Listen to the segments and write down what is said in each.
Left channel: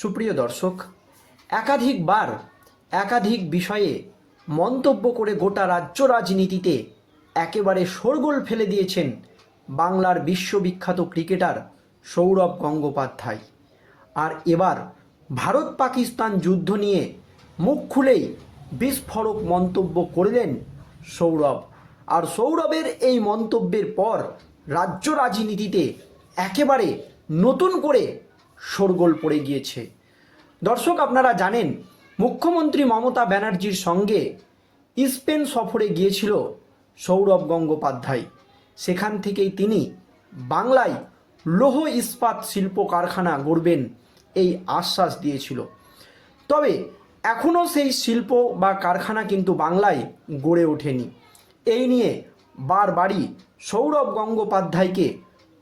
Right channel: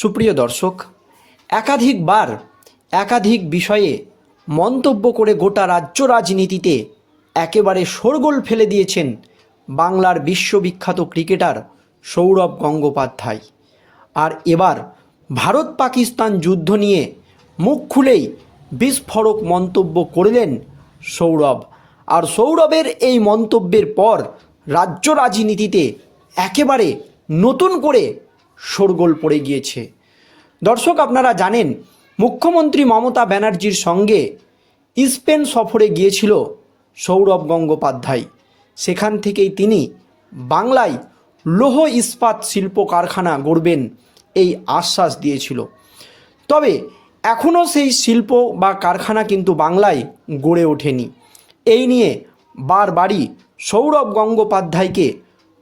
সুপ্রিয় দর্শক, একাধিকবার একাধিক বিষয়ে মন্তব্য করে গোটা রাজ্য রাজনীতিতে একেবারে শোরগোল ফেলে দিয়েছেন বাংলার বিশ্ববিখ্যাত ক্রিকেটার সৌরভ গঙ্গোপাধ্যায়। আর এবার ভারত পাকিস্তান যুদ্ধ নিয়ে মুখ খুলেই বিস্ফোরক মন্তব্য করলেন সৌরভ। আর সৌরভের এই মন্তব্যের পর রাজ্য রাজনীতিতে একেবারে নতুন করে শোরগোল পড়ে গিয়েছে। দর্শক, আপনারা জানেন, মুখ্যমন্ত্রী মমতা ব্যানার্জির সঙ্গে স্পেন সফরে গিয়েছিল সৌরভ গঙ্গোপাধ্যায়। সেখান থেকেই তিনি বাংলায় লৌহ ইস্পাত শিল্প কারখানা গড়বেন এই আশ্বাস দিয়েছিল। তবে এখনও সেই শিল্প বা কারখানা কিন্তু বাংলায় গড়ে ওঠেনি। এই নিয়ে বারবারই সৌরভ গঙ্গোপাধ্যায়কে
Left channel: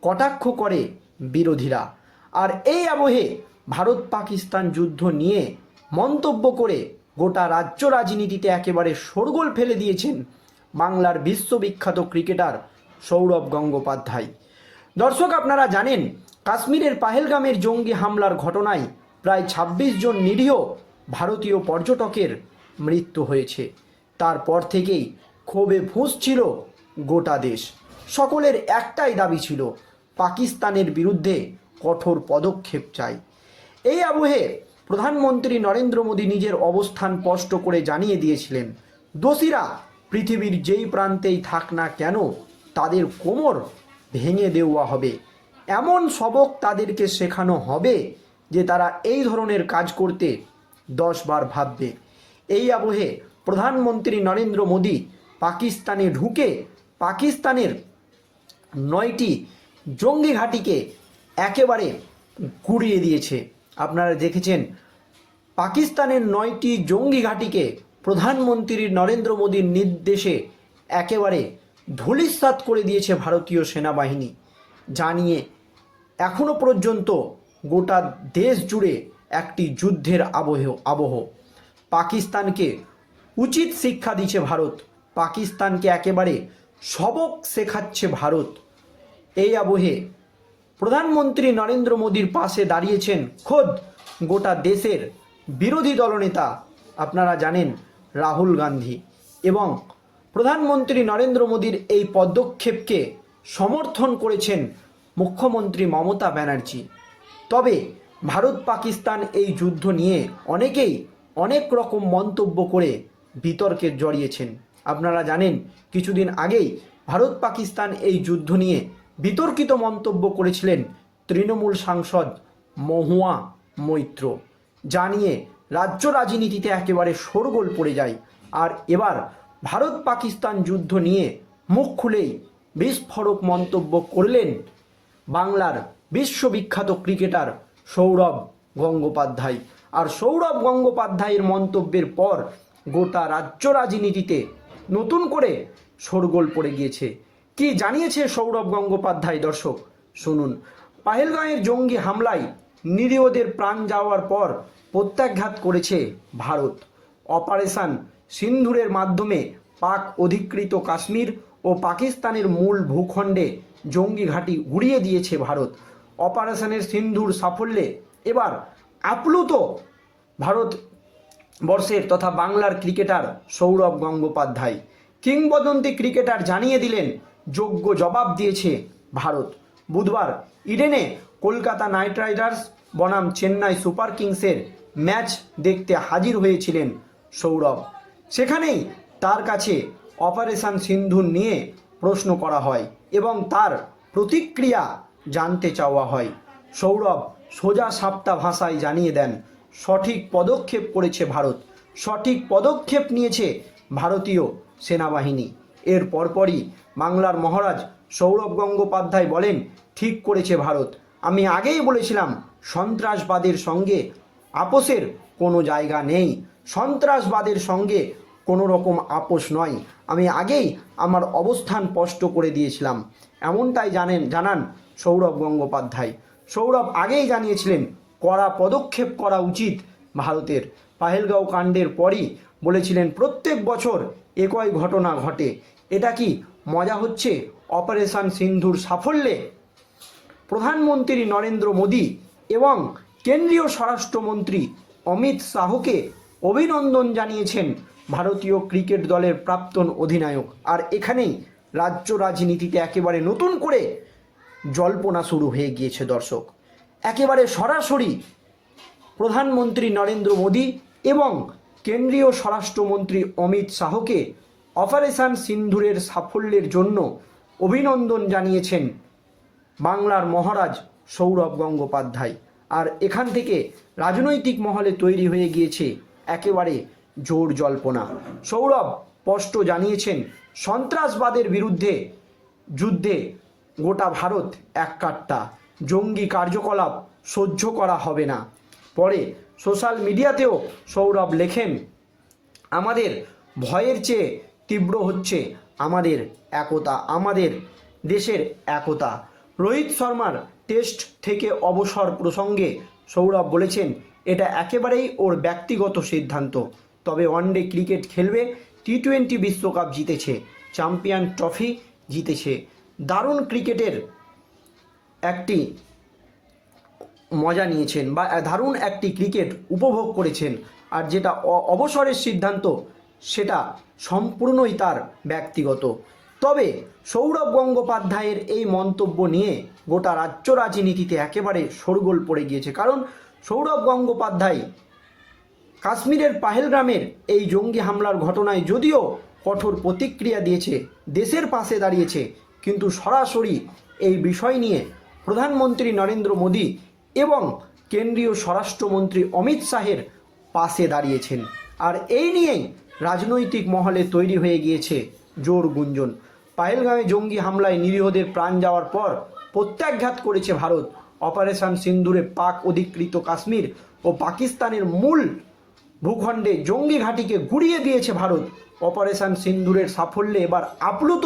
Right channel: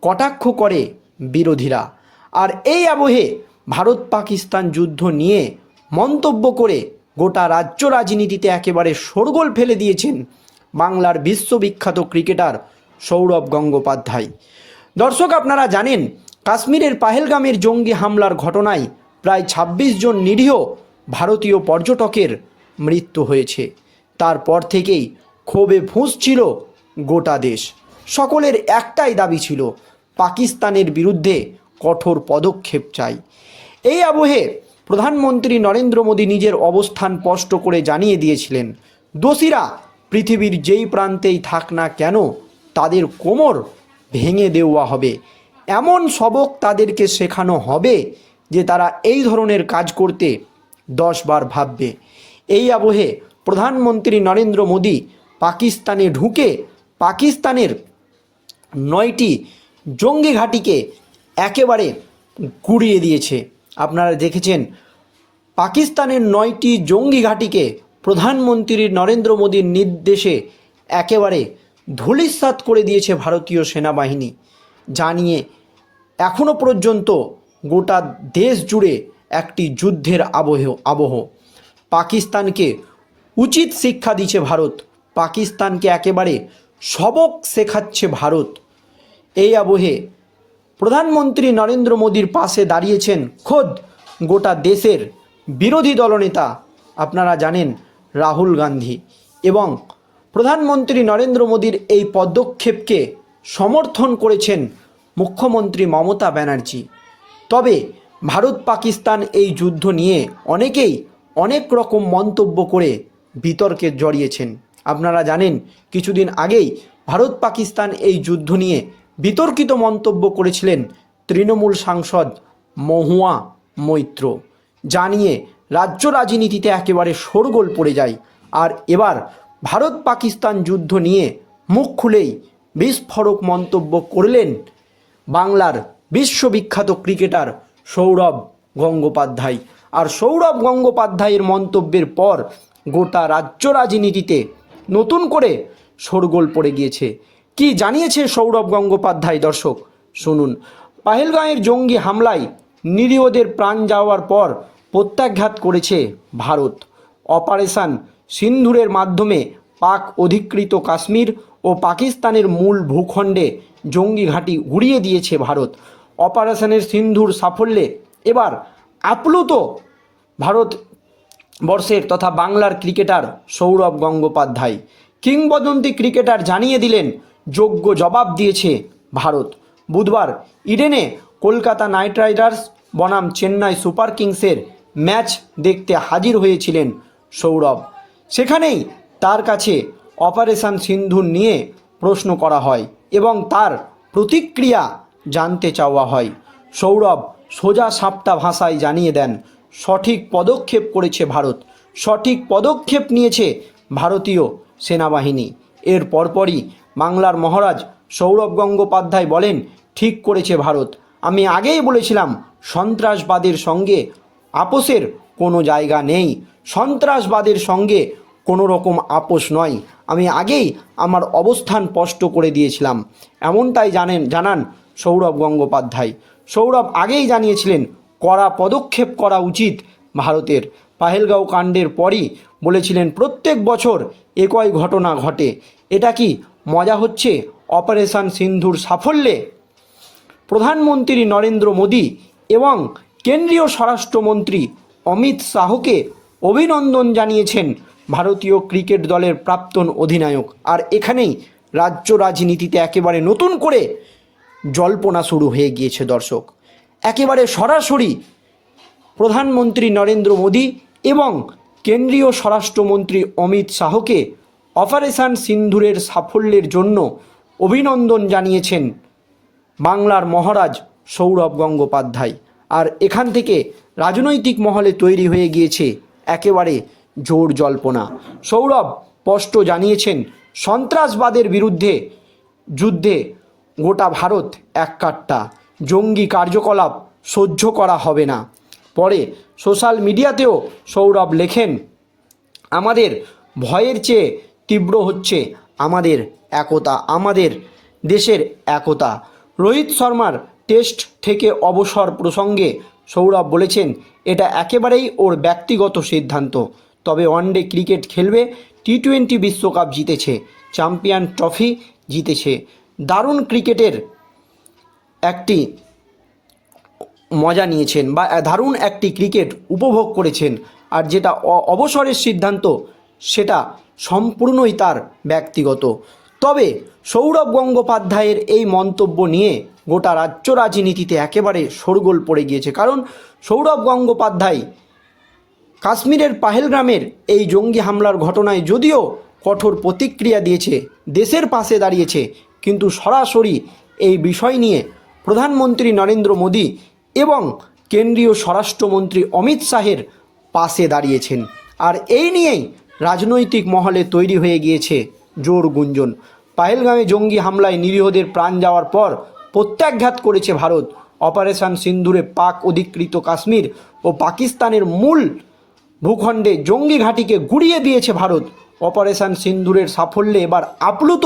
কটাক্ষ করে বিরোধীরা। আর এই আবহে ভারত পাকিস্তান যুদ্ধ নিয়ে মন্তব্য করে গোটা রাজ্য রাজনীতিতে একেবারে শোরগোল ফেলে দিয়েছেন বাংলার বিশ্ববিখ্যাত ক্রিকেটার সৌরভ গঙ্গোপাধ্যায়। দর্শক, আপনারা জানেন, কাশ্মীরের পাহেলগামের জঙ্গি হামলার ঘটনায় প্রায় ২৬ জন নিরীহ ভারতীয় পর্যটকের মৃত্যু হয়েছে। তারপর থেকেই ক্ষোভে ফুঁসছিল গোটা দেশ। সকলের একটাই দাবি ছিল, পাকিস্তানের বিরুদ্ধে কঠোর পদক্ষেপ চাই। এই আবহে প্রধানমন্ত্রী নরেন্দ্র মোদী নিজের অবস্থান স্পষ্ট করে জানিয়ে দিয়েছিলেন, দোষীরা পৃথিবীর যেই প্রান্তেই থাক না কেন, তাদের কোমর ভেঙে দেওয়া হবে। এমন সবক তাদেরকে শেখানো হবে যে তারা এই ধরনের কাজ করতে দশবার ভাববে। এই আবহে প্রধানমন্ত্রী নরেন্দ্র মোদী পাকিস্তানে ঢুকে পাকিস্তানের নয়টি জঙ্গি ঘাঁটিকে একেবারে গুড়িয়ে দিয়েছে। আপনারা দেখেছেন, পাকিস্তানের নয়টি জঙ্গি ঘাঁটিকে প্রধানমন্ত্রী নরেন্দ্র মোদীর নির্দেশে একেবারে ধূলিসাৎ করে দিয়েছে ভারতীয় সেনাবাহিনী। জানিয়ে এখনও পর্যন্ত গোটা দেশ জুড়ে একটি যুদ্ধের আবহ আবহ। পাকিস্তানকে উচিত শিক্ষা দিচ্ছে ভারত। পাকিস্তানকে একেবারে সবক শেখাচ্ছে ভারত। এই আবহে প্রধানমন্ত্রী নরেন্দ্র মোদীর পাশে দাঁড়িয়েছেন খোদ গোটা দেশের বিরোধী দলনেতা। আপনারা জানেন রাহুল গান্ধী। এবং প্রধানমন্ত্রী নরেন্দ্র মোদীর এই পদক্ষেপকে সমর্থন করেছেন মুখ্যমন্ত্রী মমতা ব্যানার্জি। তবে ভারত পাকিস্তান এই যুদ্ধ নিয়ে অনেকেই অনেক রকম মন্তব্য করে বিতর্কে জড়িয়েছেন। আপনারা জানেন, কিছুদিন আগেই ভারত পাকিস্তান এই যুদ্ধ নিয়ে বিতর্কিত মন্তব্য করেছিলেন তৃণমূল সাংসদ মহুয়া মৈত্র। জানিয়ে রাজ্য রাজনীতিতে একেবারে শোরগোল পড়ে যায়। আর এবার ভারত পাকিস্তান যুদ্ধ নিয়ে মুখ খুলেই বিস্ফোরক মন্তব্য করলেন বাংলার বিশ্ববিখ্যাত ক্রিকেটার সৌরভ গঙ্গোপাধ্যায়। আর সৌরভ গঙ্গোপাধ্যায়ের মন্তব্যের পর গোটা রাজ্য রাজনীতিতে নতুন করে শোরগোল পড়ে গিয়েছে। কি জানিয়েছে সৌরভ গঙ্গোপাধ্যায়, দর্শক? শুনুন। পাহেলগাঁয়ের জঙ্গি হামলায় নিরীহদের প্রাণ যাওয়ার পর প্রত্যাঘাত করেছে ভারত। অপারেশন সিন্ধুরের মাধ্যমে পাক অধিকৃত কাশ্মীর ও পাকিস্তানের মূল ভূখণ্ডে জঙ্গি ঘাঁটি উড়িয়ে দিয়েছে ভারত। অপারেশনের সিন্ধুর সাফল্যে এবার আপ্লুত ভারত বর্ষের তথা বাংলার ক্রিকেটার সৌরভ গঙ্গোপাধ্যায়। কিংবদন্তি ক্রিকেটার জানিয়ে দিলেন যোগ্য জবাব দিয়েছে ভারত। বুধবার ইডেনে কলকাতা নাইট রাইডার্স বনাম চেন্নাই সুপার কিংসের ম্যাচ দেখতে হাজির হয়েছিলেন সৌরভ। সেখানেই তার কাছে অপারেশন সিন্ধু নিয়ে প্রশ্ন করা হয় এবং তার প্রতিক্রিয়া জানতে চাওয়া হয়। সৌরভ সোজা সাপটা ভাষায় জানিয়ে দেন, সঠিক পদক্ষেপ করেছে ভারত। সঠিক পদক্ষেপ নিয়েছে ভারতীয় সেনাবাহিনী। এর পরপরই বাংলার মহারাজ সৌরভ গঙ্গোপাধ্যায় বলেন, ঠিক করেছে ভারত। আমি আগেই বলেছিলাম, সন্ত্রাসবাদের সঙ্গে আপোষের কোনো জায়গা নেই। সন্ত্রাসবাদের সঙ্গে কোনো রকম আপোষ নয়। আমি আগেই আমার অবস্থান স্পষ্ট করে দিয়েছিলাম। এমনটাই জানেন, জানান সৌরভ গঙ্গোপাধ্যায়। সৌরভ আগেই জানিয়েছিলেন, কড়া পদক্ষেপ করা উচিত ভারতের। পাহেলগাঁও কাণ্ডের পরই বলেছিলেন, প্রত্যেক বছর একই ঘটনা ঘটে। এটা কি মজা হচ্ছে অপারেশন সিন্ধুর সাফল্যে। প্রধানমন্ত্রী নরেন্দ্র মোদী এবং কেন্দ্রীয় স্বরাষ্ট্রমন্ত্রী অমিত শাহকে অভিনন্দন জানিয়েছেন ভারতীয় ক্রিকেট দলের প্রাক্তন অধিনায়ক। আর এখানেই রাজ্য রাজনীতিতে একেবারে নতুন করে জল্পনা শুরু হয়ে গিয়েছে দর্শক। একেবারে সরাসরি প্রধানমন্ত্রী নরেন্দ্র মোদী এবং কেন্দ্রীয় স্বরাষ্ট্রমন্ত্রী অমিত শাহকে অপারেশন সিন্ধুরের সাফল্যের জন্য অভিনন্দন জানিয়েছেন বাংলার মহারাজ সৌরভ গঙ্গোপাধ্যায়। আর এখান থেকে রাজনৈতিক মহলে তৈরি হয়ে গিয়েছে একেবারে জোর জল্পনা। সৌরভ স্পষ্ট জানিয়েছেন, সন্ত্রাসবাদের বিরুদ্ধে যুদ্ধে গোটা ভারত এককাট্টা জঙ্গি কার্যকলাপ সহ্য করা হবে না। পরে সোশ্যাল মিডিয়াতেও সৌরভ লেখেন, আমাদের ভয়ের চেয়ে তীব্র হচ্ছে আমাদের একতা, আমাদের দেশের একতা। রোহিত শর্মার টেস্ট থেকে অবসর প্রসঙ্গে সৌরভ বলেছেন, এটা একেবারেই ওর ব্যক্তিগত সিদ্ধান্ত। তবে ওয়ানডে ক্রিকেট খেলবে টি টোয়েন্টি বিশ্বকাপ জিতেছে, চ্যাম্পিয়ন ট্রফি জিতেছে। দারুণ ক্রিকেটের একটি মজা নিয়েছেন বা দারুণ একটি ক্রিকেট উপভোগ করেছেন। আর যেটা অবসরের সিদ্ধান্ত, সেটা সম্পূর্ণই তার ব্যক্তিগত। তবে সৌরভ গঙ্গোপাধ্যায়ের এই মন্তব্য নিয়ে গোটা রাজ্য রাজনীতিতে একেবারে শোরগোল পড়ে গিয়েছে। কারণ সৌরভ গঙ্গোপাধ্যায় কাশ্মীরের পাহেলগ্রামের এই জঙ্গি হামলার ঘটনায় যদিও কঠোর প্রতিক্রিয়া দিয়েছে, দেশের পাশে দাঁড়িয়েছে, কিন্তু সরাসরি এই বিষয় নিয়ে প্রধানমন্ত্রী নরেন্দ্র মোদী এবং কেন্দ্রীয় স্বরাষ্ট্রমন্ত্রী অমিত শাহের পাশে দাঁড়িয়েছেন। আর এই নিয়েই রাজনৈতিক মহলে তৈরি হয়ে গিয়েছে জোর গুঞ্জন। পাহেলগামে জঙ্গি হামলায় নিরীহদের প্রাণ যাওয়ার পর প্রত্যাঘাত করেছে ভারত। অপারেশন সিন্দুরে পাক অধিকৃত কাশ্মীর ও পাকিস্তানের মূল ভূখণ্ডে জঙ্গি ঘাঁটিকে গুড়িয়ে দিয়েছে ভারত। অপারেশন সিন্দুরের সাফল্যে এবার আপ্লুত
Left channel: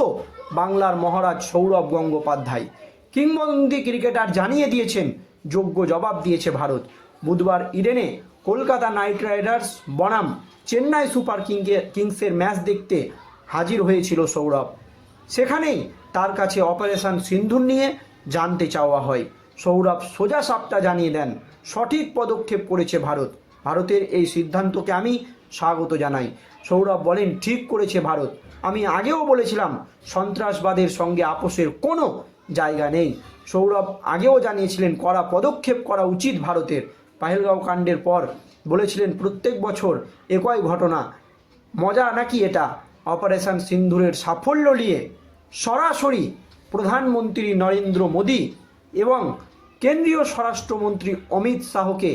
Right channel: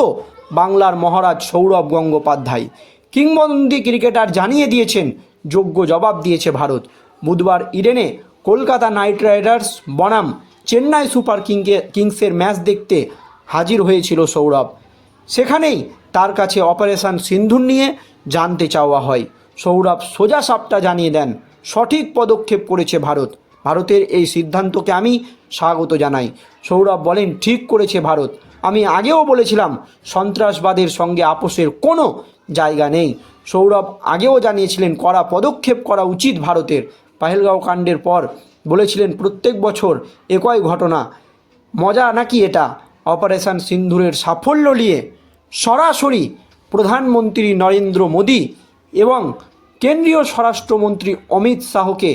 বাংলার মহারাজ সৌরভ গঙ্গোপাধ্যায়। কিংবদন্তি ক্রিকেটার জানিয়ে দিয়েছেন, যোগ্য জবাব দিয়েছে ভারত। বুধবার ইডেনে কলকাতা নাইট রাইডার্স বনাম চেন্নাই সুপার কিংকে কিংসের ম্যাচ দেখতে হাজির হয়েছিল সৌরভ। সেখানেই তার কাছে অপারেশন সিন্ধুর নিয়ে জানতে চাওয়া হয়। সৌরভ সোজা সাপটা জানিয়ে দেন, সঠিক পদক্ষেপ করেছে ভারত। ভারতের এই সিদ্ধান্তকে আমি স্বাগত জানাই। সৌরভ বলেন, ঠিক করেছে ভারত। আমি আগেও বলেছিলাম, সন্ত্রাসবাদের সঙ্গে আপোষের কোনো জায়গা নেই। সৌরভ আগেও জানিয়েছিলেন, কড়া পদক্ষেপ করা উচিত ভারতের। পাহেলগাঁও কাণ্ডের পর বলেছিলেন, প্রত্যেক বছর একই ঘটনা। মজা নাকি এটা? অপারেশন সিন্ধুরের সাফল্য নিয়ে সরাসরি প্রধানমন্ত্রী নরেন্দ্র মোদী এবং কেন্দ্রীয় স্বরাষ্ট্রমন্ত্রী অমিত শাহকে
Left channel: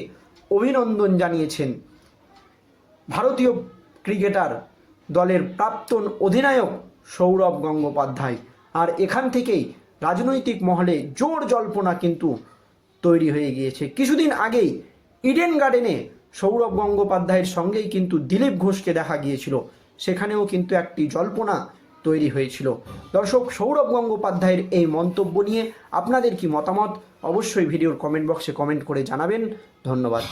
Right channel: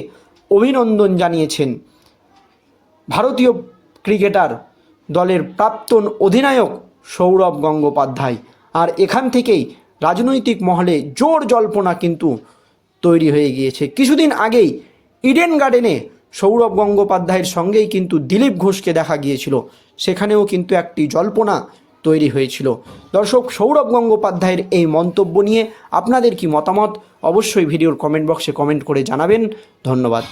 অভিনন্দন জানিয়েছেন। ভারতীয় ক্রিকেটার দলের প্রাক্তন অধিনায়ক সৌরভ গঙ্গোপাধ্যায়। আর এখান থেকেই রাজনৈতিক মহলে জোর জল্পনা কিন্তু তৈরি হয়ে গিয়েছে। কিছুদিন আগেই ইডেন গার্ডেনে সৌরভ গঙ্গোপাধ্যায়ের সঙ্গেই কিন্তু দিলীপ ঘোষকে দেখা গিয়েছিল। সেখানেও কিন্তু একটি জল্পনা তৈরি হয়েছিল। দর্শক, সৌরভ গঙ্গোপাধ্যায়ের এই মন্তব্য নিয়ে আপনাদের কি মতামত? অবশ্যই ভিডিওর কমেন্ট বক্সে কমেন্ট করে জানাবেন। ধন্যবাদ।